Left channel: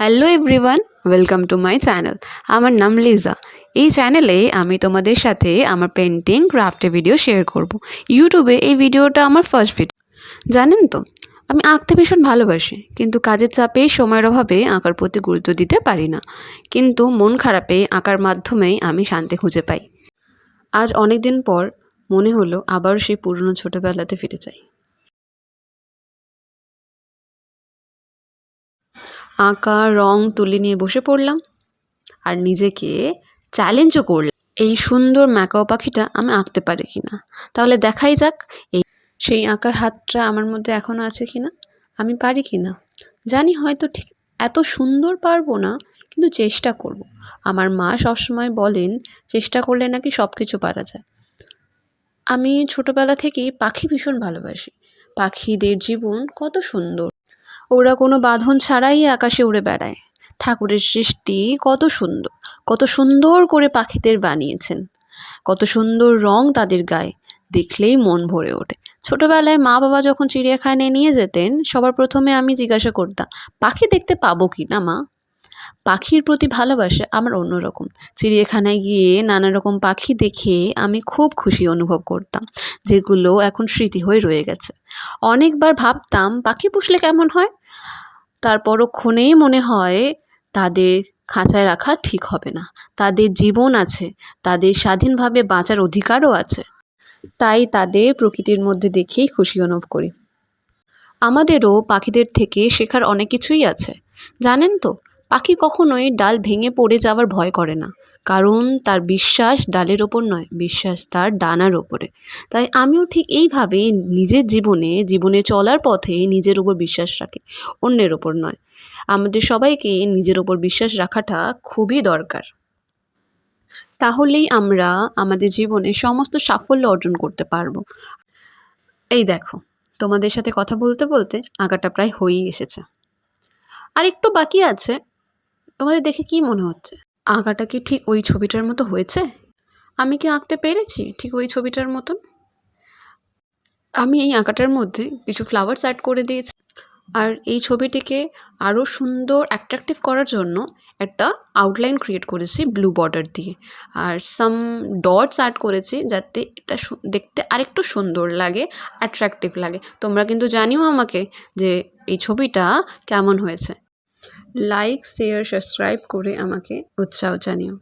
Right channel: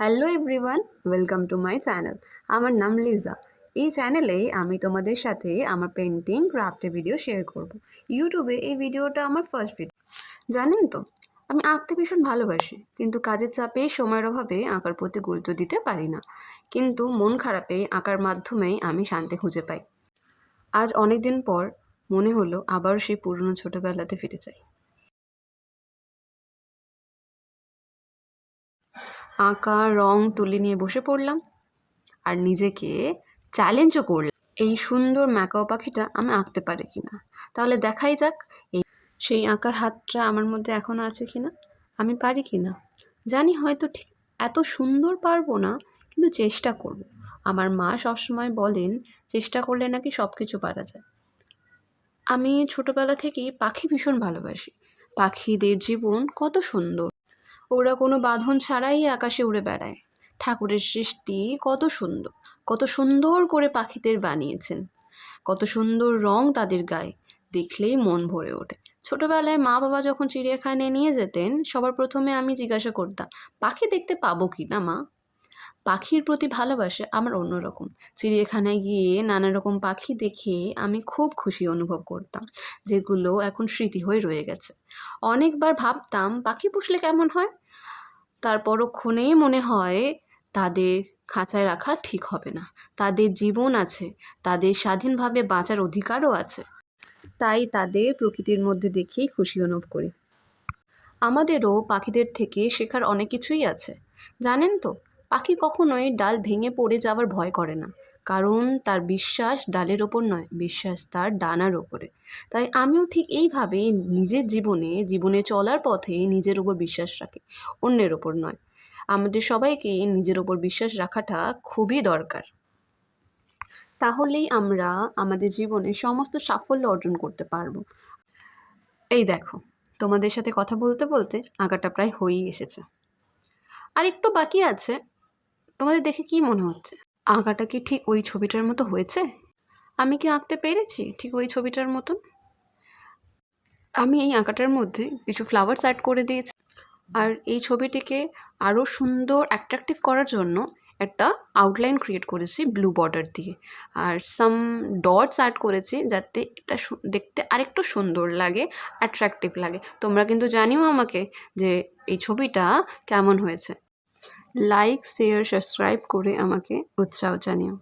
Hello everyone, welcome to my channel. আমার নাম লিজা। এই চ্যানেলে আমি তোমাদের সাথে আমার পেন্টিং ক্রাফটের ভিডিও শেয়ার করব। ইউটিউবে এই ভিডিওটা আমার ফার্স্ট ভিডিও। জানেন তো, আমি আঁকতে ভীষণ ভালোবাসি, কিন্তু কাজের চাপে সময়ের অভাবে আঁকার প্রতি গুরুত্ব দিতে পারি না। কিন্তু মন খারাপে আঁকার মাধ্যমেই আমি শান্তি খুঁজে পাই। আজ অনেক দিন পর মনে হলো আবার সেই পুরনো ছোটোবেলাতে ফিরে যাই। আঁকা রং তুলি নিয়ে বসে পড়লাম আর নিজেকে চ্যালেঞ্জও করলাম, এই সুন্দর ম্যাকাও পাখিটা আমি আঁকতে পারি কিনা। তাহলে দেখাই যাক সেই আঁকার হাতটা আমার মধ্যে এখনও আছে কিনা, আমি পারি কিনা। জানি হয়তো ঠিক এত সুন্দর পারবো না, কিন্তু চেষ্টা করব। আমার মা সবসময় বলেন, চেষ্টা করলে নাকি সব কিছু পারা যায়। আমি ছোটোবেলা থেকেই পাখি ভীষণ ভালোবাসি। পাখিদের জীবন কত সুন্দর, ওরা কোনো বাঁধন ছাড়াই আকাশে উড়ে বেড়ায়। ঠাকুরের সৃষ্টি কত সুন্দর, কত সুন্দর করে পাখিদের বানিয়েছেন, কত সুন্দর রং তাদের গায়ে, দেখলেই মন ভরে ওঠে। ছোটবেলায় মা বাবা যখন চিড়িয়াখানায় নিয়ে যেতেন, সবার প্রথমে আমি জিজ্ঞাসা করতাম, পাখি দেখতে পাবো কি না মা। পাখির প্রতি ভালোবাসা আমার অন্যরকম। চিড়িয়াখানায় গিয়ে নানা রকম পাখি দেখে আমি খুব খুশি অনুভব করতাম, যেগুলো এখন স্মৃতি হয়ে রয়ে গেছে। অনেকবার ভাবতাম পাখি পুষলে কেমন হয়, তার পরক্ষণেই মনে হয় তাদের খাঁচায় রাখা ঠিক হবে না। তাদের জীবন আছে, তাদের স্বাধীনভাবে বাঁচার অধিকারও আছে। তাই তাদের প্রকৃতির মধ্যে দেখেই খুশি অনুভব করি। আমাদেরও পাখিদের থেকে শেখার অনেক কিছুই আছে। জানেন তো, পাখি কখনোই ডাল ভেঙে পড়ে যাওয়ার ভয় করে না, কারণ তার বিশ্বাস ডালের ওপর নয়, বিশ্বাস তার ডানার ওপরে। তাই আমিও ঠিক এইভাবে নিজের জীবনে চলার পথে নিজের ওপর বিশ্বাস রাখি, অন্যের ওপর নয়। আমাদের সবাইকে নিজের ওপর বিশ্বাস রাখাটা খুবই দরকার। তাহলেই আমরা আমাদের জীবনে সমস্ত সাফল্য অর্জন করতে পারবো। এই দেখো, তোমাদের সাথে কথা বলতে বলতে আঁকাটা প্রায় হয়েই এসেছে, আর একটু বাকি আছে। তোমাদের দেখে কি মনে হচ্ছে, আঁকাটা কি ঠিক ওই ছবিটার মতো হয়েছে? আমি কি আঁকতে পেরেছি ঠিক ওই ছবিটার মতন? আমি এই আঁকাটার মধ্যে কিছু ফ্লাওয়ার্স অ্যাড করে দিয়েছি, আর এই ছবিটিকে আরও সুন্দর অ্যাট্রাকটিভ করার জন্য একটা আউটলাইন ক্রিয়েট করেছি ব্লু বর্ডার দিয়ে, আর সাম ডটস অ্যাড করেছি যাতে এটা দেখতে আরেকটু সুন্দর লাগে, অ্যাট্রাকটিভ লাগে। তোমরা কিন্তু জানিও আমাকে যে এই ছবিটা কেমন হয়েছে। লাইক, শেয়ার, সাবস্ক্রাইব করে আমাকে উৎসাহ জানিও।